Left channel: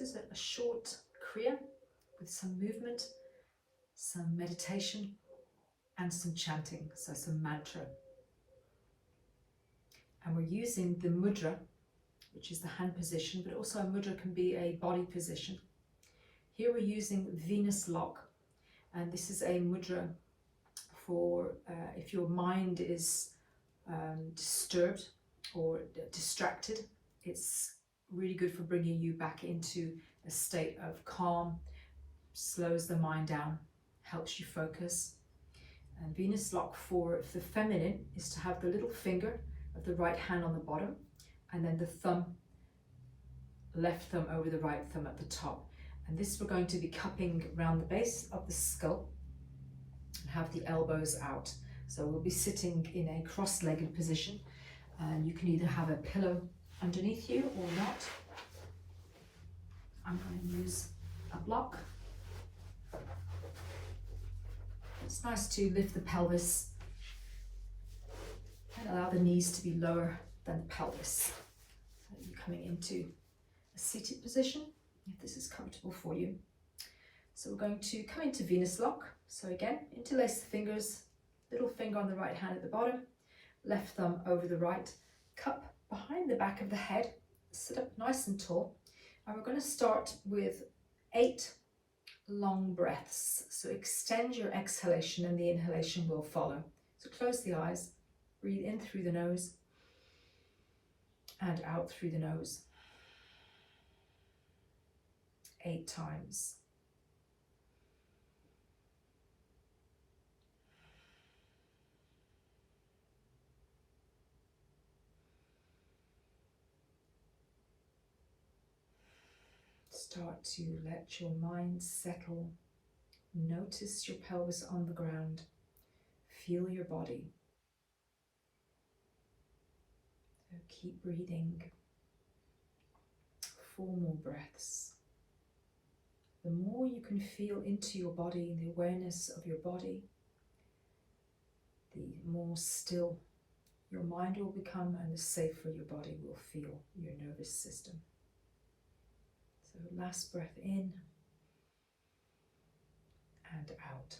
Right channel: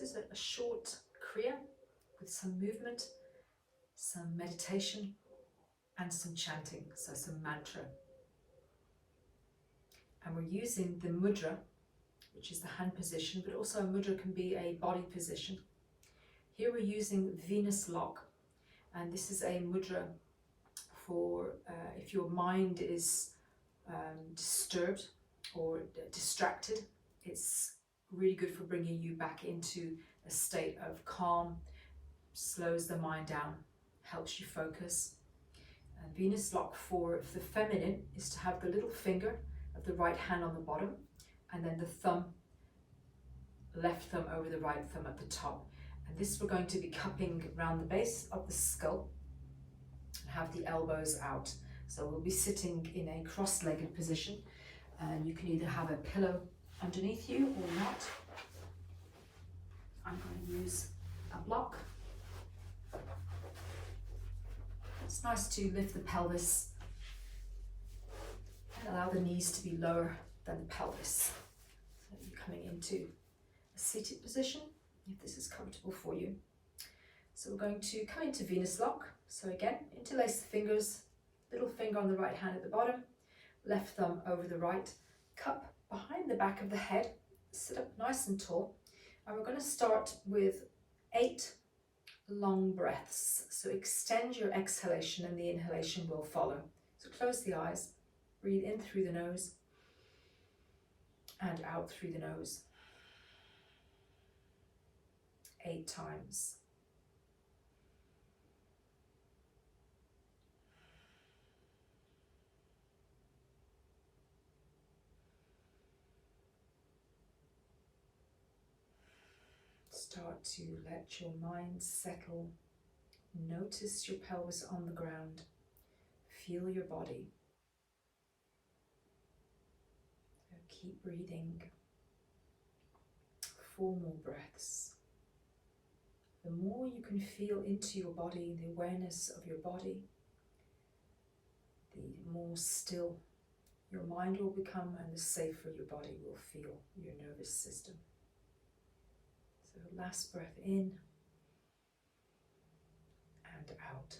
this is a short Kriya with some movement, some meditation, and some chanting, so some mantra. And we're using the mudra, which is the hand position, but also a mudra can be a body position. Here we're using Venus lock, and this is a mudra for if your mind is disturbed or distracted. It's really good for bringing you back into a state of calm, slows the mind down, helps you focus. And Venus lock for the feminine is to have the little finger of the right hand on the bottom, and then the thumb, left thumb over the right thumb at the top. And this we're going to be cupping around the base of the skull and have the elbows out. So we'll be sitting in a cross-legged position, and you can either have a pillow underneath you or not. I'm going to use a block. It's nice to lift the pelvis and allow the knees to be lower than the pelvis. So you're coming into a seated position, if this is comfortable for you. So we're going to come into Venus lock. So again, interlace the fingers, little finger on the right hand at the bottom, left thumb over the right, cup behind the back of the head, sit up nice and tall. And we're going to start with 8 long breaths. So extend your exhalation and the inhalation will follow. So close the eyes, breathe in through the nose and out through the nose. 8 times. Start to let your mind settle. Notice your pelvis on the ground. Feel your body. So keep breathing. 4 more breaths. The more you can feel into your body, the awareness of your body, the more still your mind will become and the safer your body will feel, your nervous system. So last breath in and out.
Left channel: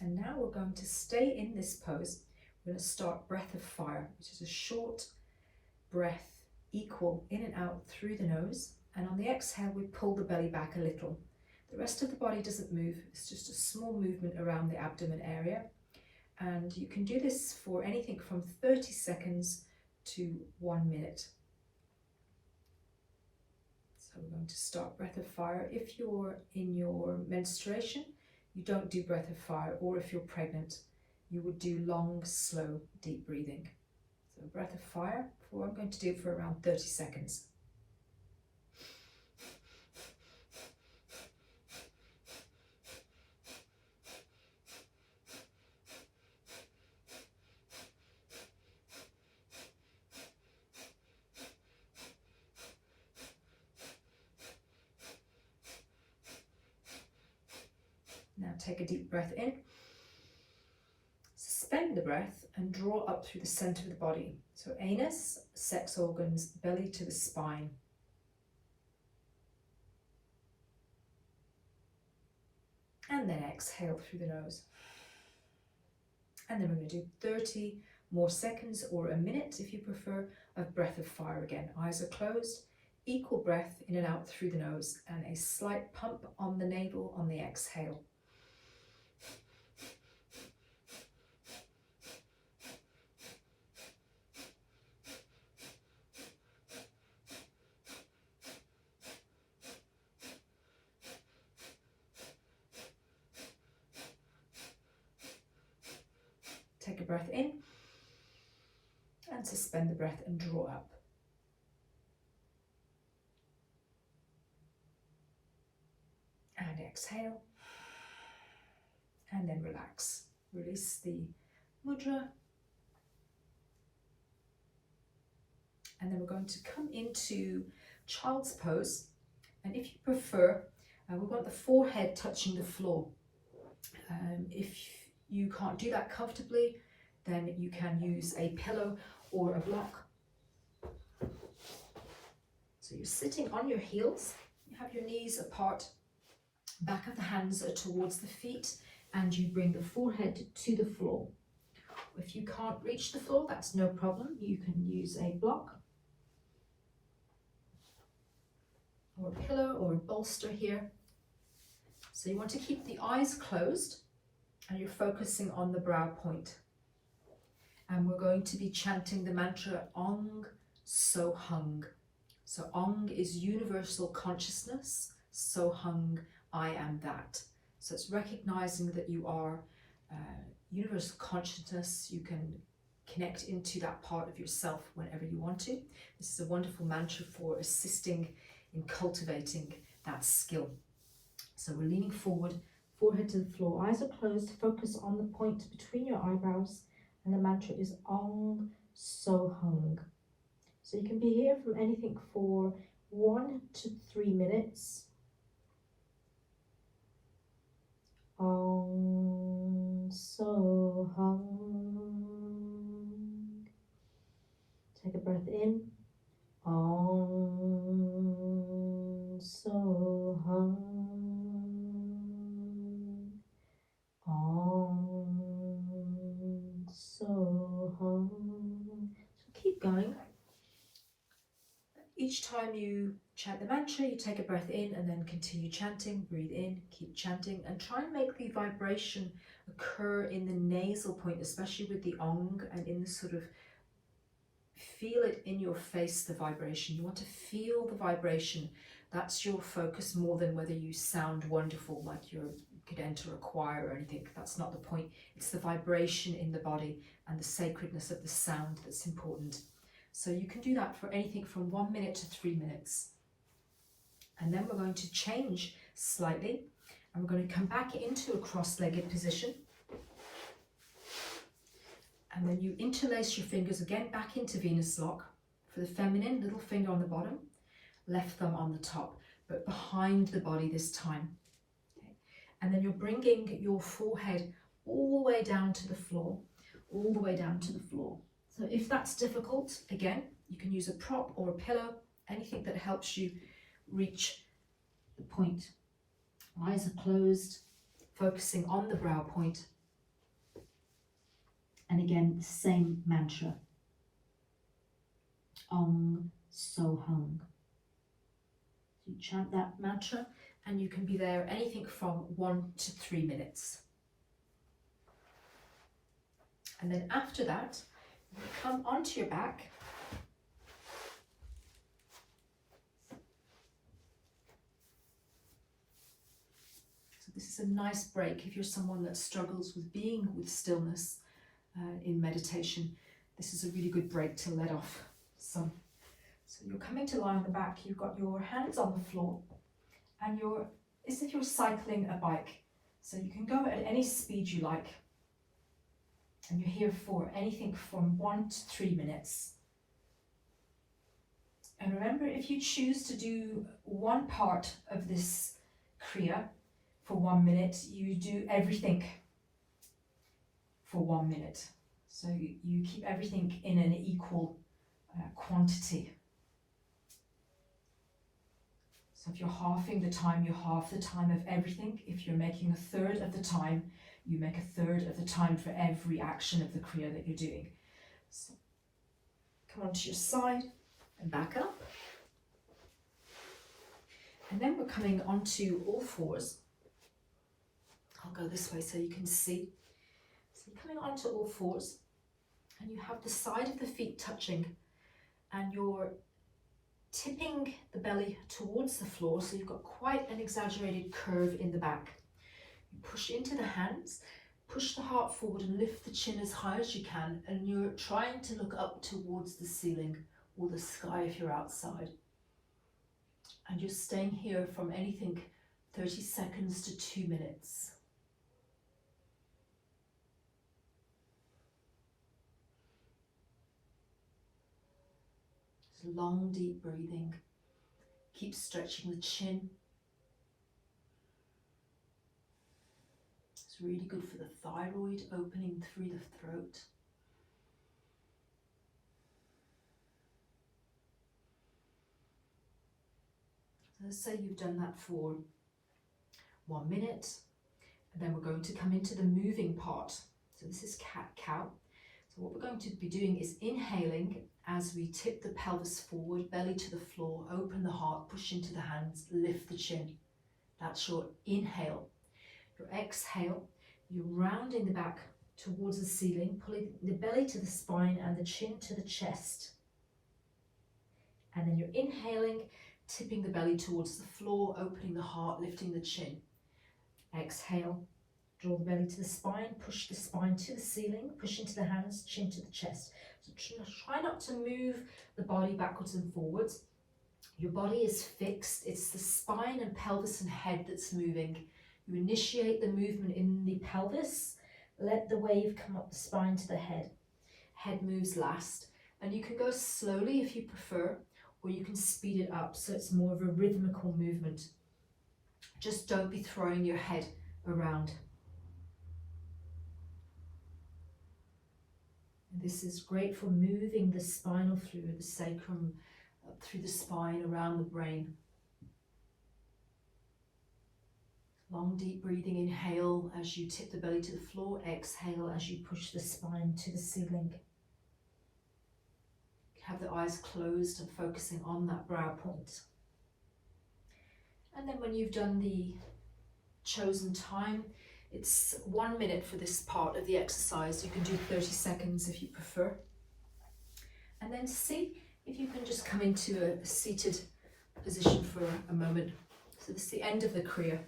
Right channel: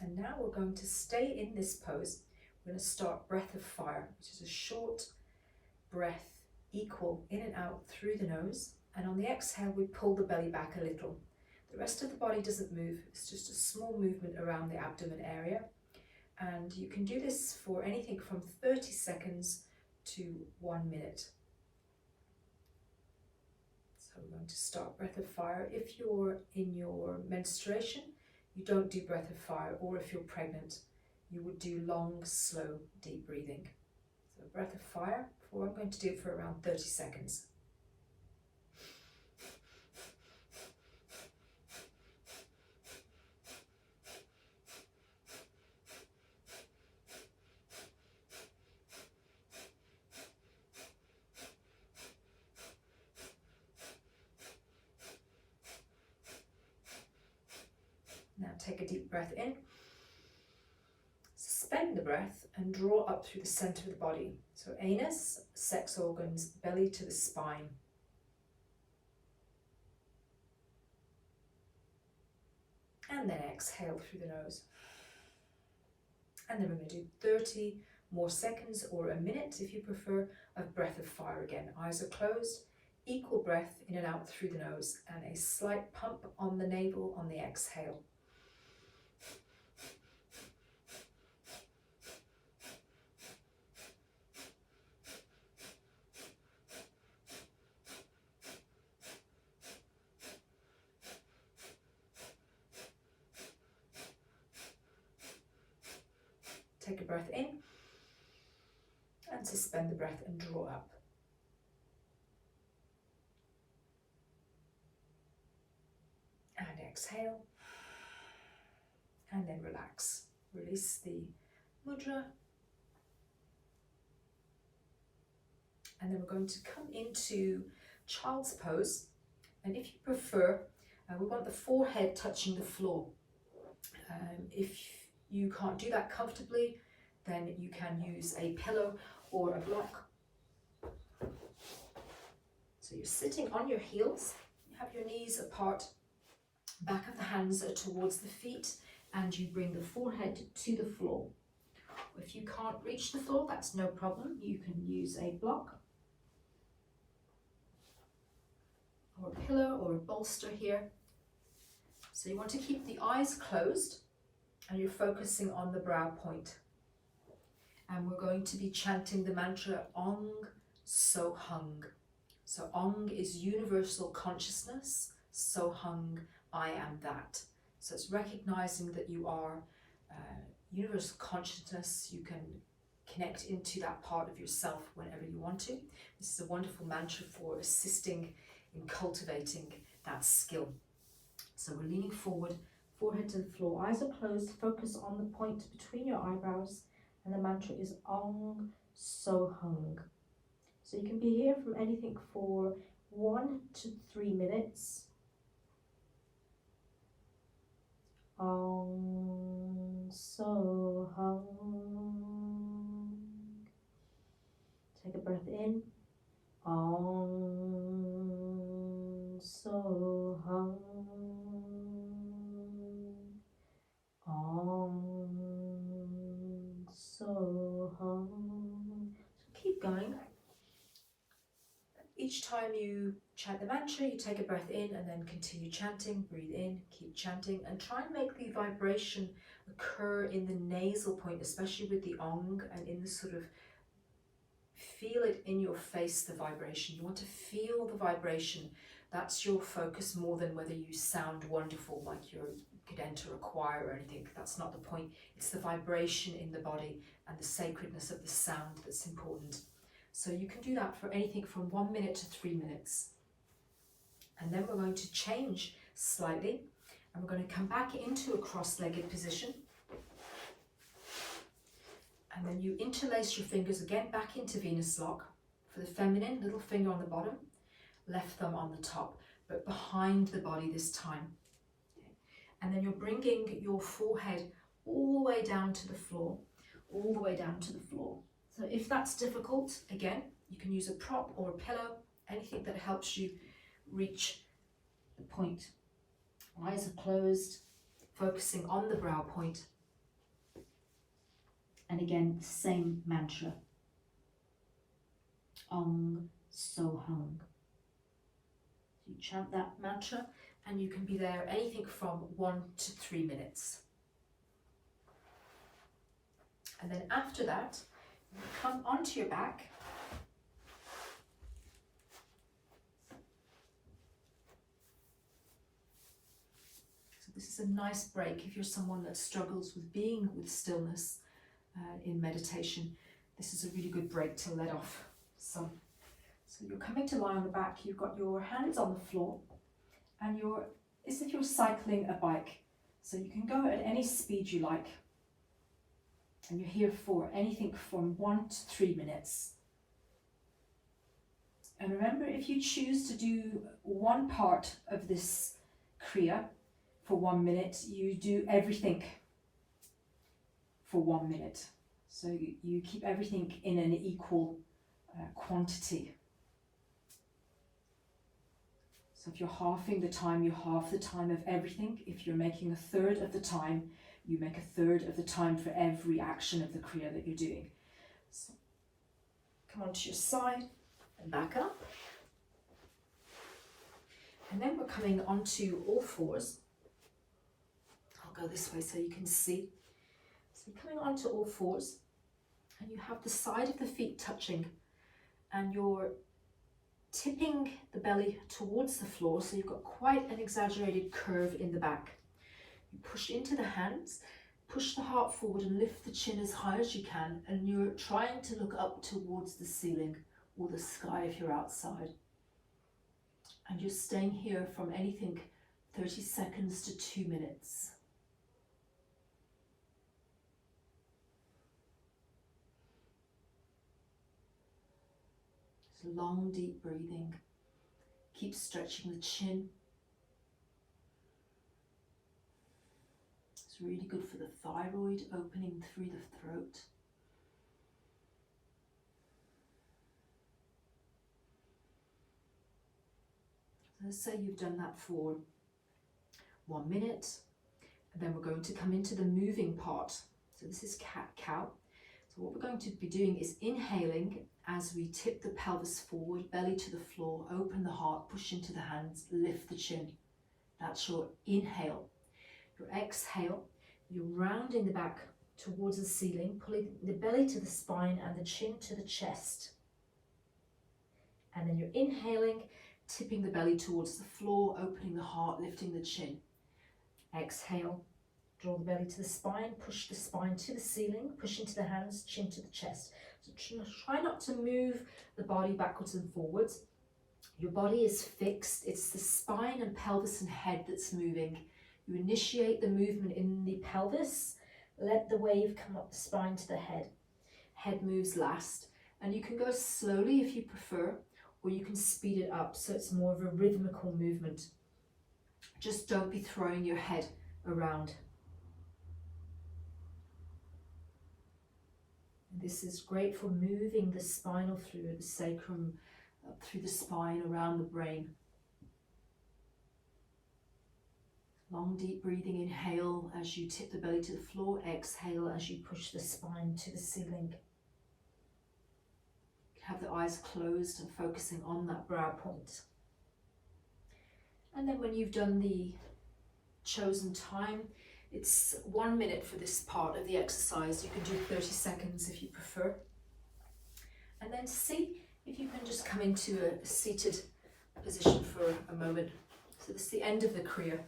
And now we're going to stay in this pose. We're going to start breath of fire, which is a short breath, equal in and out through the nose. And on the exhale, we pull the belly back a little. The rest of the body doesn't move. It's just a small movement around the abdomen area. And you can do this for anything from 30 seconds to 1 minute. So we're going to start breath of fire. If you're in your menstruation, you don't do breath of fire, or if you're pregnant, you would do long, slow, deep breathing. So breath of fire, I'm going to do it for around 30 seconds. Now take a deep breath in, suspend the breath and draw up through the center of the body. So anus, sex organs, belly to the spine. And then exhale through the nose. And then we're going to do 30 more seconds or a minute, if you prefer, of breath of fire again. Eyes are closed, equal breath in and out through the nose, and a slight pump on the navel on the exhale. Take a breath in and suspend the breath and draw up. And exhale. And then relax. Release the mudra. And then we're going to come into child's pose. And if you prefer, we want the forehead touching the floor. If you can't do that comfortably, then you can use a pillow or a block. So So you're sitting on your heels, you have your knees apart, back of the hands are towards the feet, and you bring the forehead to the floor. If you can't reach the floor, that's no problem. You can use a block or a pillow or a bolster here. So you want to keep the eyes closed and you're focusing on the brow point. And we're going to be chanting the mantra Ong So Hung. So Ong is universal consciousness, So Hung, I am that. So it's recognizing that you are universal consciousness. You can connect into that part of yourself whenever you want to. This is a wonderful mantra for assisting in cultivating that skill. So we're leaning forward, forehead to the floor, eyes are closed, focus on the point between your eyebrows, and the mantra is Ong So Hung. So you can be here from anything for 1 to 3 minutes. Ong So Hung. Take a breath in. Ong So Hung. Ong So Hung. So keep going. Each time you chant the mantra, you take a breath in and then continue chanting. Breathe in, keep chanting, and try and make the vibration occur in the nasal point, especially with the Ong, and in the sort of feel it in your face, the vibration. You want to feel the vibration. That's your focus more than whether you sound wonderful, like you could enter a choir or anything. That's not the point. It's the vibration in the body and the sacredness of the sound that's important. So you can do that for anything from 1 minute to 3 minutes. And then we're going to change slightly and we're going to come back into a cross-legged position. And then you interlace your fingers again back into Venus lock. For the feminine, little finger on the bottom, left thumb on the top, but behind the body this time. Okay. And then you're bringing your forehead all the way down to the floor, all the way down to the floor. So if that's difficult, again, you can use a prop or a pillow, anything that helps you reach the point. Eyes are closed, focusing on the brow point. And again, the same mantra. Ong So Hung. You chant that mantra and you can be there anything from 1 to 3 minutes. And then after that, you come onto your back. So this is a nice break if you're someone that struggles with being with stillness in meditation. This is a really good break to let off some. So you're coming to lie on the back, you've got your hands on the floor, and as if you're cycling a bike. So you can go at any speed you like. And you're here for anything from 1 to 3 minutes. And remember, if you choose to do one part of this Kriya for 1 minute, you do everything for 1 minute. So you keep everything in an equal quantity. So if you're halving the time, you halve the time of everything. If you're making a third of the time, you make a third of the time for every action of the Kriya that you're doing. So come onto your side and back up. And then we're coming onto all fours. I'll go this way so you can see. So you're coming onto all fours and you have the side of the feet touching and you're tipping the belly towards the floor, so you've got quite an exaggerated curve in the back. You push into the hands, push the heart forward and lift the chin as high as you can, and you're trying to look up towards the ceiling or the sky if you're outside. And you're staying here from anything 30 seconds to 2 minutes. Long, deep breathing. Keep stretching the chin. It's really good for the thyroid, opening through the throat. let's say you've done that for 1 minute, and then we're going to come into the moving part. So this is cat-cow. So what we're going to be doing is inhaling as we tip the pelvis forward, belly to the floor, open the heart, push into the hands, lift the chin. That's your inhale. Your exhale, you're rounding the back towards the ceiling, pulling the belly to the spine and the chin to the chest. And then you're inhaling, tipping the belly towards the floor, opening the heart, lifting the chin. Exhale, draw the belly to the spine, push the spine to the ceiling, push into the hands, chin to the chest. So try not to move the body backwards and forwards. Your body is fixed. It's the spine and pelvis and head that's moving. You initiate the movement in the pelvis, let the wave come up the spine to the head. Head moves last, and you can go slowly if you prefer, or you can speed it up so it's more of a rhythmical movement. Just don't be throwing your head around. And this is great for moving the spinal fluid, the sacrum, up through the spine, around the brain. Long deep breathing, inhale as you tip the belly to the floor, exhale as you push the spine to the ceiling. Have the eyes closed and focusing on that brow point. And then when you've done the chosen time, it's 1 minute for this part of the exercise. You can do 30 seconds if you prefer. And then see if you can just come into a seated position for a moment. So this is the end of the Kriya.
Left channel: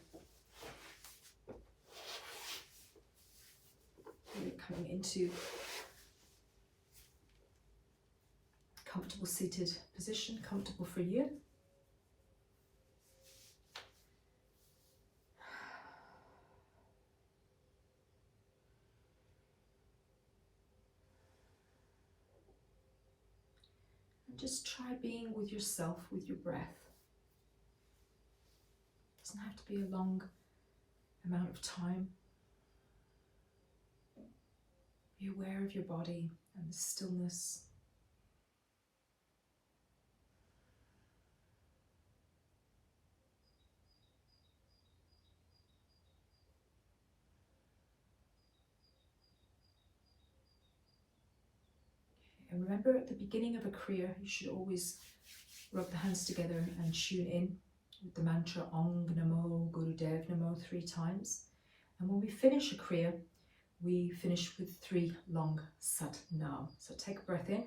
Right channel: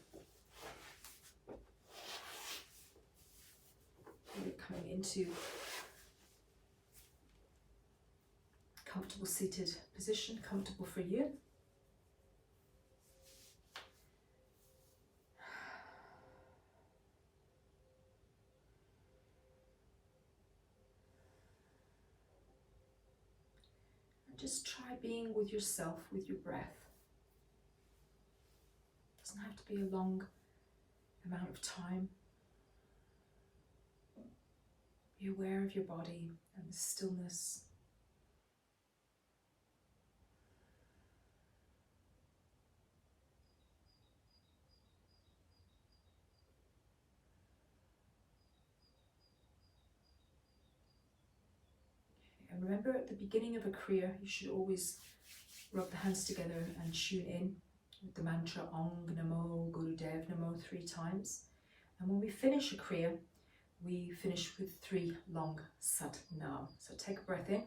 You're coming into comfortable seated position, comfortable for you. And just try being with yourself, with your breath. It doesn't have to be a long amount of time. Be aware of your body and the stillness. And remember, at the beginning of a Kriya, you should always rub the hands together and tune in with the mantra Ong Namo Gurudev Namo 3 times. And when we finish a Kriya, we finish with 3 long Sat Nam. So take a breath in.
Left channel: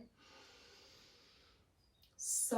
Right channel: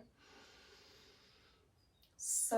Sa